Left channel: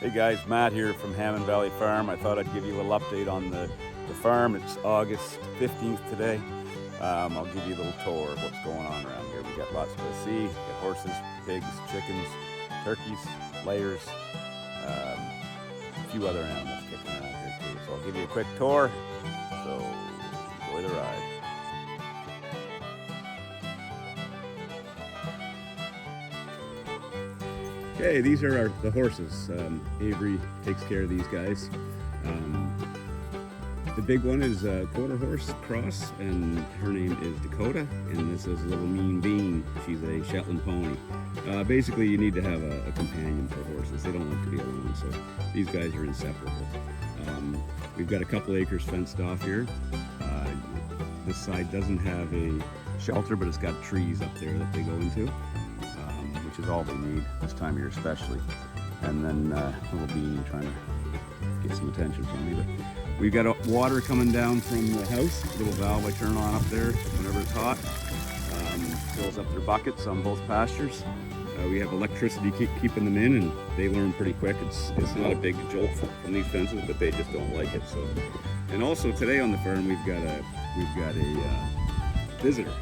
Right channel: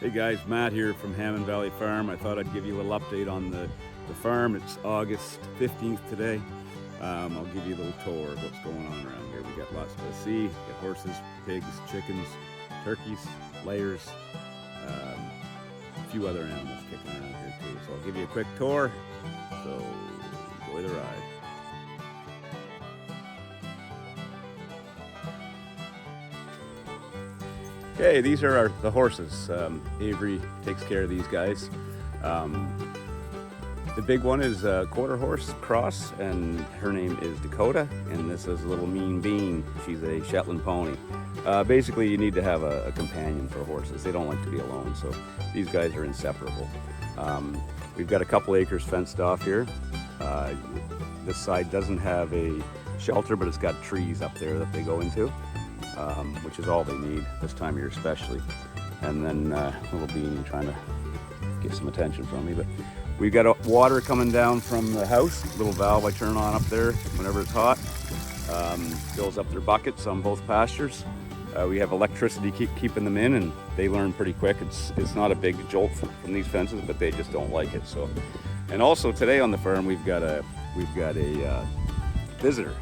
Hey guys, Matt here from Hammond Valley Farm. I thought I'd give you a little update on the farm. It's August 15th today. I'll give you a little tour of what's going on around here. We got lots to see. We got horses, pigs, chickens, turkeys, layers, a few other animals kicking around here too. So I'll give you a quick tour. So enjoy the ride. Okay, these are the horses. Avery takes care of these guys. The big one is a quarter horse cross, and her name is Dakota, and this is Little Mean Bean. She's a Shetland pony. Basically, you need to have a companion for horses. They don't like to be alone, so these guys are inseparable. We've got a couple acres fenced off here. This side doesn't have a shelter, but it's got trees up there that they go into. Which is all they need this time of year especially. And then Little Bean trying to get some attention from me. But we've got water coming down from the house, little valve I turn on up there whenever it's hot. Fills up their buckets on both pastures. We have electricity keeping them in, and they learn pretty quick. It's not a big jolt from these fences, but they just don't like it. So, and also today on the farm we've got a visitor,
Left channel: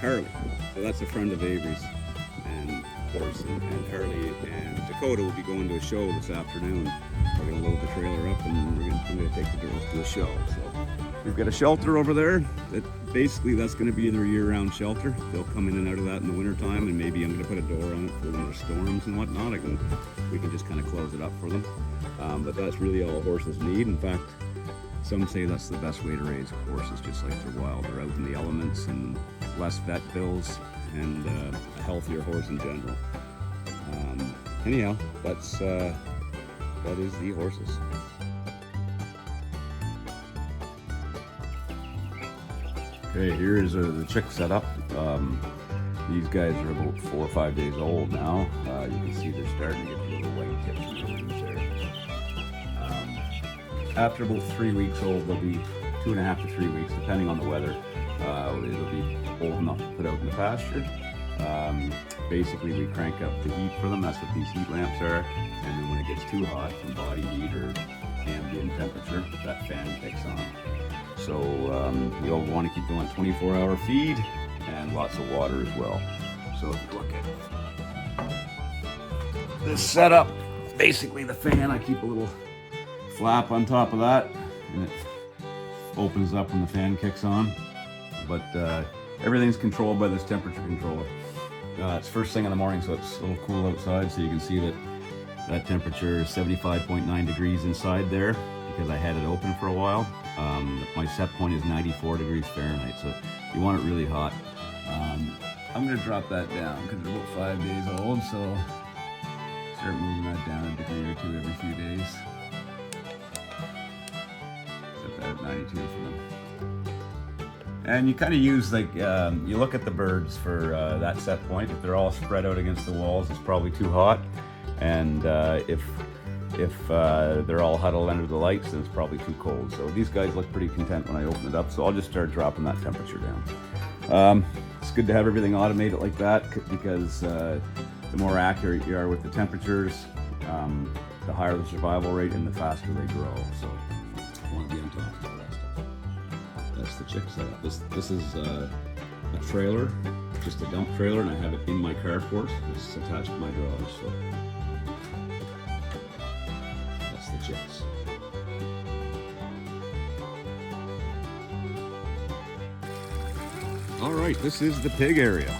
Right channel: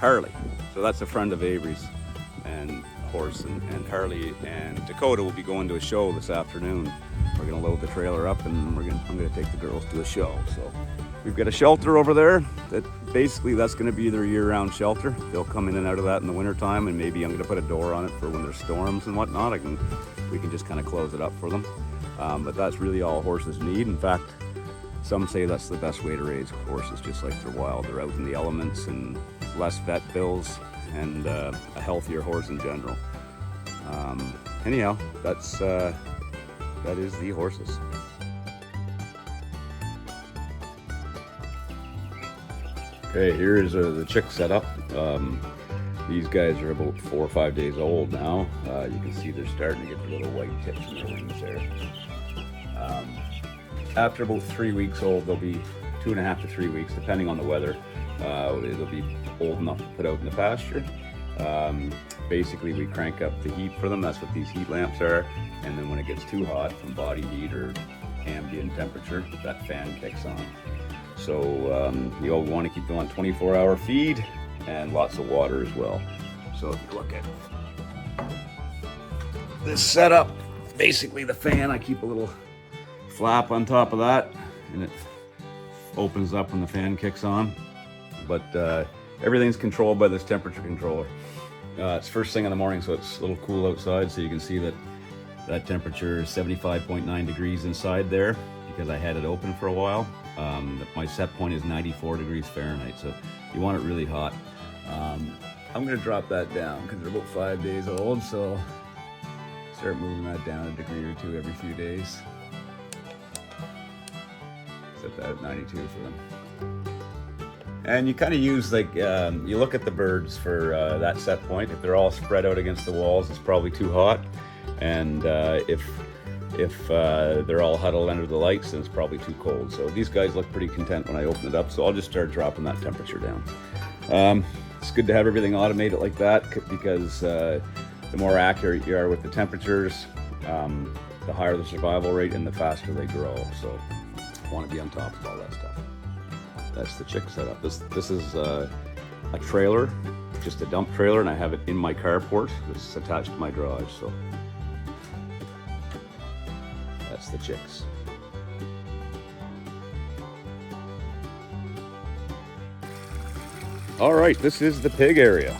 Harley. So that's a friend of Avery's. Horse and Harley and Dakota will be going to a show this afternoon. We're going to load the trailer up, and I'm going to take the girls to a show. So we've got a shelter over there that basically that's going to be their year-round shelter. They'll come in and out of that in the wintertime, and maybe I'm going to put a door on it for when there's storms and whatnot. We can just kind of close it up for them. But that's really all horses need. In fact, some say that's the best way to raise horses, just like they're wild. They're out in the elements and less vet bills, and a healthier horse in general. Anyhow, that is the horses. Okay, here is the chick setup. These guys are about 4 or 5 days old now. You can see they're starting to get the little white tips in their wings there. After about 3 weeks old, they'll be 2.5 to 3 weeks, depending on the weather. It'll be old enough to put out in the pasture. Basically, we crank up the heat for them. That's what these heat lamps are. And then when it gets too hot from body heat or ambient temperature, that fan kicks on. So you'll want to keep them on 24-hour feed and lots of water as well. So if you look at this setup, basically the fan, I keep a little flap on top of that, and it opens up when the fan kicks on. But everything's controlled by this temperature controller. It's first thing in the morning, so it's a little cool outside, so you can see that temperature is 75.9 degrees inside there, because I had it open for a while. My set point is 94 degrees Fahrenheit, so you want it really hot. I'm going to drop that down because they're about 5 days old, so start moving that down a degree or two every few days. Set that at 92 for them. And you kind of use, like, you look at the birds for that set point. If they're all spread out against the walls, it's probably too hot. And if they're all huddled under the lights, then it's probably too cold. So these guys look pretty content when I open it up, so I'll just start dropping that temperature down. It's good to have everything automated like that, because the more accurate you are with the temperatures, the higher the survival rate and the faster they grow. So I want to be on top of all that stuff. That's the chick setup. This is a trailer, just a dump trailer, and I have it in my carport. This is attached to my garage, so that's the chicks. All right, this is the pig area.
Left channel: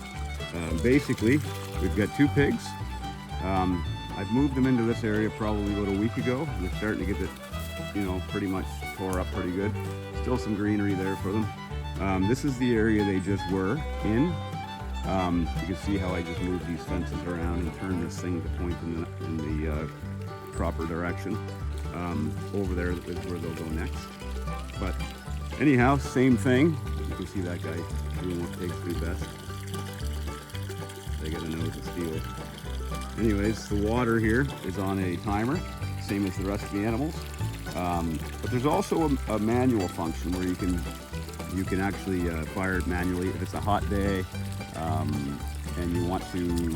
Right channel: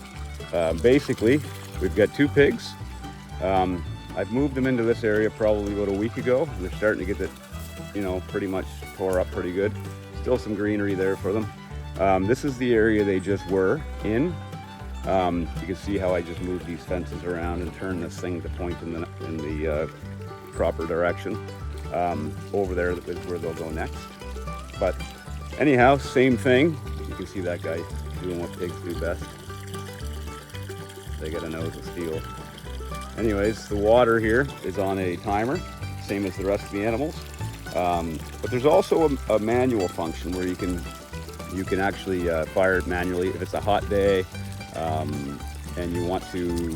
Basically, we've got 2 pigs. I've moved them into this area probably about a week ago. They're starting to get it, pretty much tore up pretty good. Still some greenery there for them. This is the area they just were in. You can see how I just moved these fences around and turned this thing to point in the proper direction. Over there is where they'll go next. But anyhow, same thing. You can see that guy doing what pigs do best. They got a nose of steel. Anyways, the water here is on a timer, same as the rest of the animals. But there's also a manual function where you can actually fire it manually if it's a hot day and you want to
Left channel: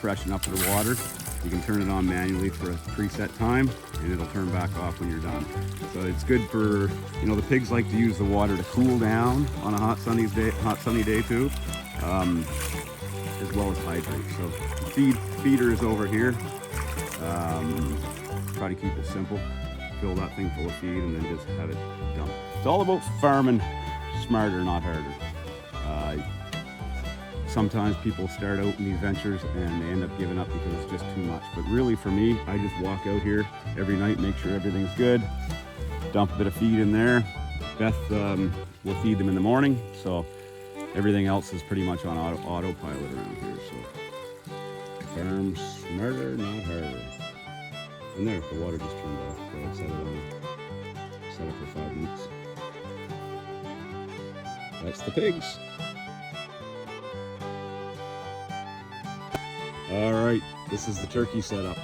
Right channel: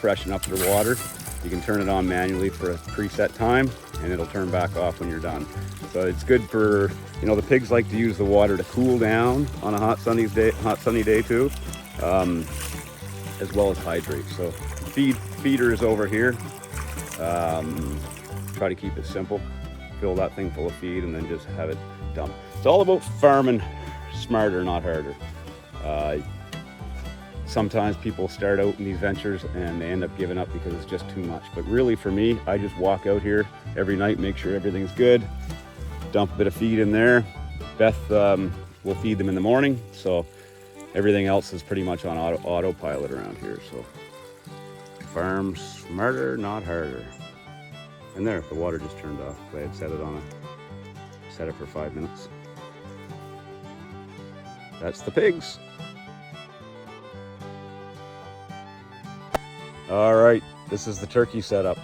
freshen up your water. You can turn it on manually for a preset time, and it'll turn back off when you're done. So it's good for, you know, the pigs like to use the water to cool down on a hot sunny day too, as well as hydrate. So feeder is over here. Try to keep it simple. Fill that thing full of feed and then just have it dump. It's all about farming smarter, not harder. Sometimes people start out in these ventures and they end up giving up because it's just too much. But really for me, I just walk out here every night, make sure everything's good, dump a bit of feed in there. Beth will feed them in the morning, so everything else is pretty much on autopilot around here. So farm smarter, not harder. And there, the water just turned off. I had set it for 5 minutes. That's the pigs. All right, this is the turkey setup.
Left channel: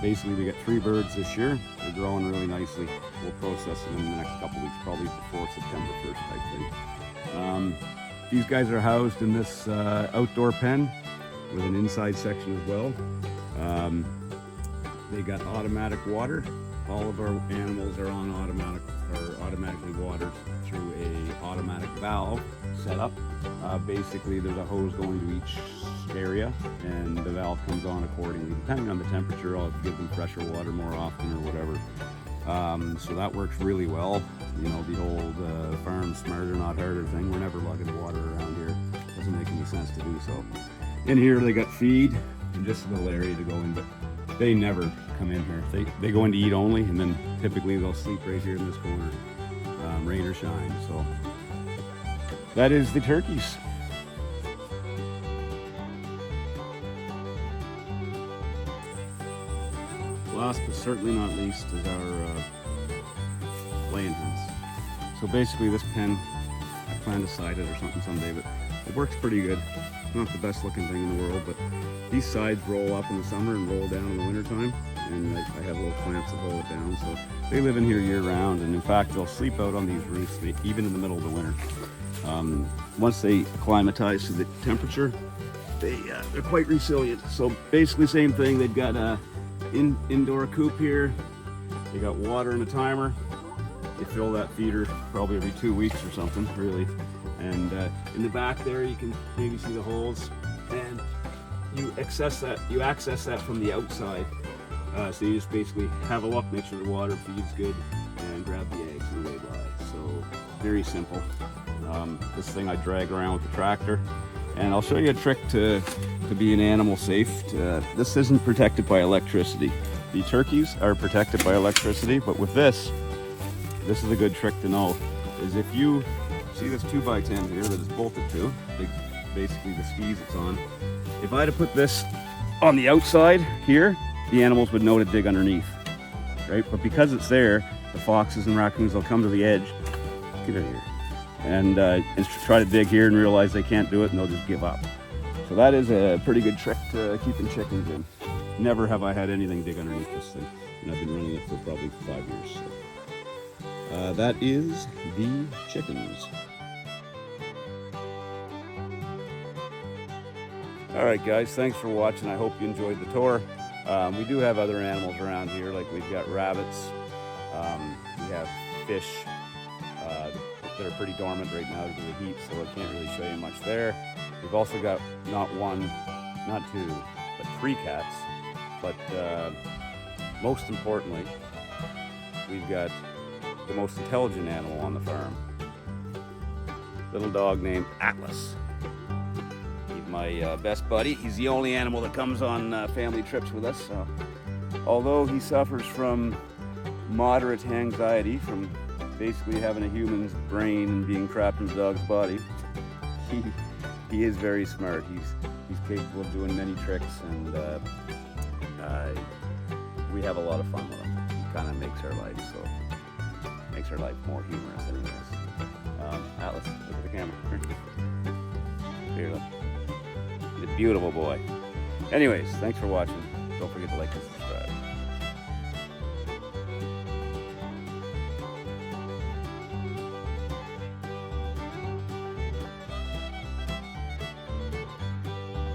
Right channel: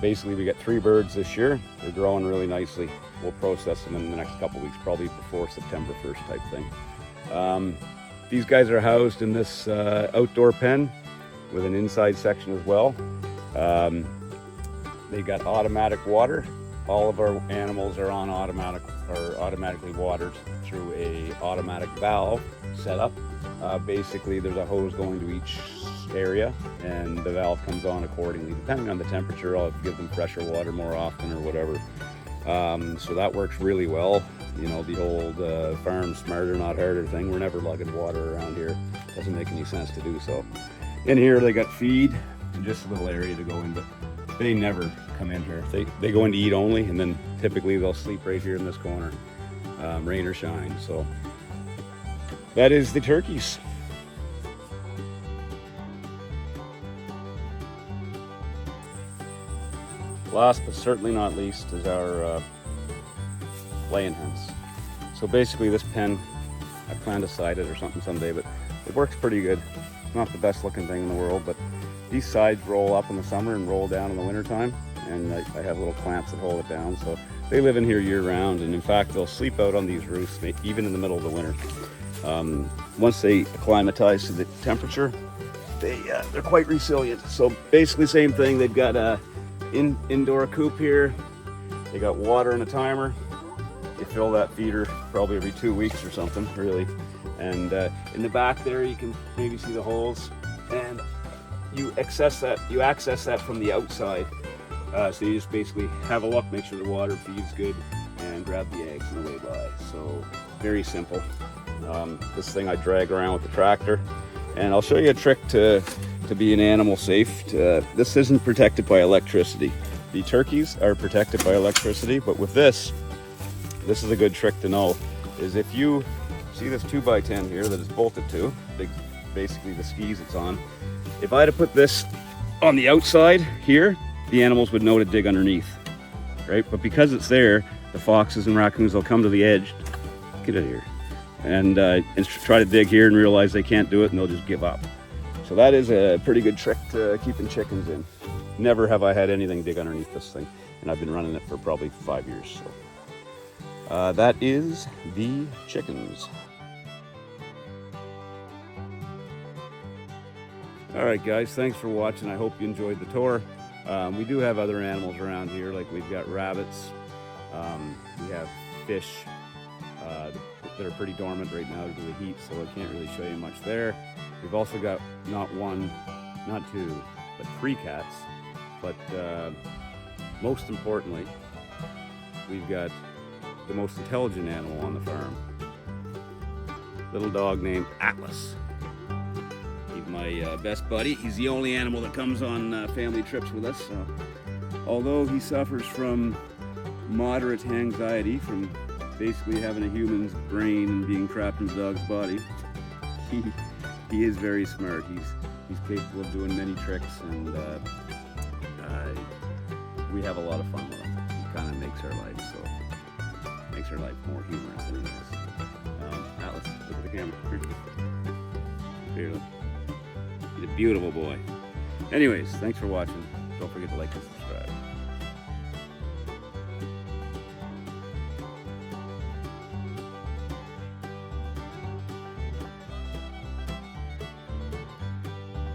Basically, we got 3 birds this year. They're growing really nicely. We'll process them in the next couple weeks, probably before September 1st type thing. These guys are housed in this outdoor pen with an inside section as well. They got automatic water. All of our animals are on automatically watered through a automatic valve setup. Basically, there's a hose going to each area, and the valve comes on accordingly. Depending on the temperature, I'll give them fresher water more often or whatever. So that works really well. You know, the old farm smarter, not harder thing. We're never lugging water around here. Doesn't make any sense to do so. In here, they got feed and just a little area to go in, but they never come in here. They go in to eat only, and then typically they'll sleep right here in this corner, rain or shine. So that is the turkeys. Last but certainly not least is our laying hens. So basically this pen, I plan to side it or something someday, but it works pretty good. Not the best looking thing in the world, but these sides roll up in the summer and roll down in the winter time, and I have little clamps that hold it down. So they live in here year round, and in fact they'll sleep out on these roofs even in the middle of the winter. Once they acclimatize to the temperature, they're quite resilient. So basically same thing. They've got a indoor coop here. They got water and a timer. You fill that feeder probably every 2 weeks or something, really. And in the back there, you can maybe see the holes, and you access that from the outside. So you just basically have a look, make sure the water feeds good, and grab the eggs on the way by. So very simple. This thing I drag around with the tractor, and I'll show you a trick to be an animal safe. This isn't protected by electricity. The turkeys are protected by electricity, but with this is a good trick to know, is if you see this 2x10 here that is bolted to, basically the skis it's on. If I had to put this on the outside here, the animals would know to dig underneath, right? But because it's there, the foxes and raccoons will come to the edge, get out of here, and try to dig here and realize they can't do it, and they'll just give up. So that is a pretty good trick to keeping chickens in. Never have I had anything dig underneath this thing, and I've been running it for probably 5 years. That is the chickens. All right, guys, thanks for watching. I hope you enjoyed the tour. We do have other animals around here, like we've got rabbits, we have fish that are pretty dormant right now due to the heat, so I can't really show you much there. We've also got not one, not two, but 3 cats. But most importantly, we've got the most intelligent animal on the farm. Little dog named Atlas. He's my best buddy. He's the only animal that comes on family trips with us. Although he suffers from moderate anxiety from basically having a human's brain and being trapped in his dog's body, he is very smart. He's capable of doing many tricks, and we have a lot of fun with him. He kind of makes our life more humorous than it is. Atlas, look at the camera. He's a beautiful boy. Anyways, thanks for watching. Don't forget to like and subscribe.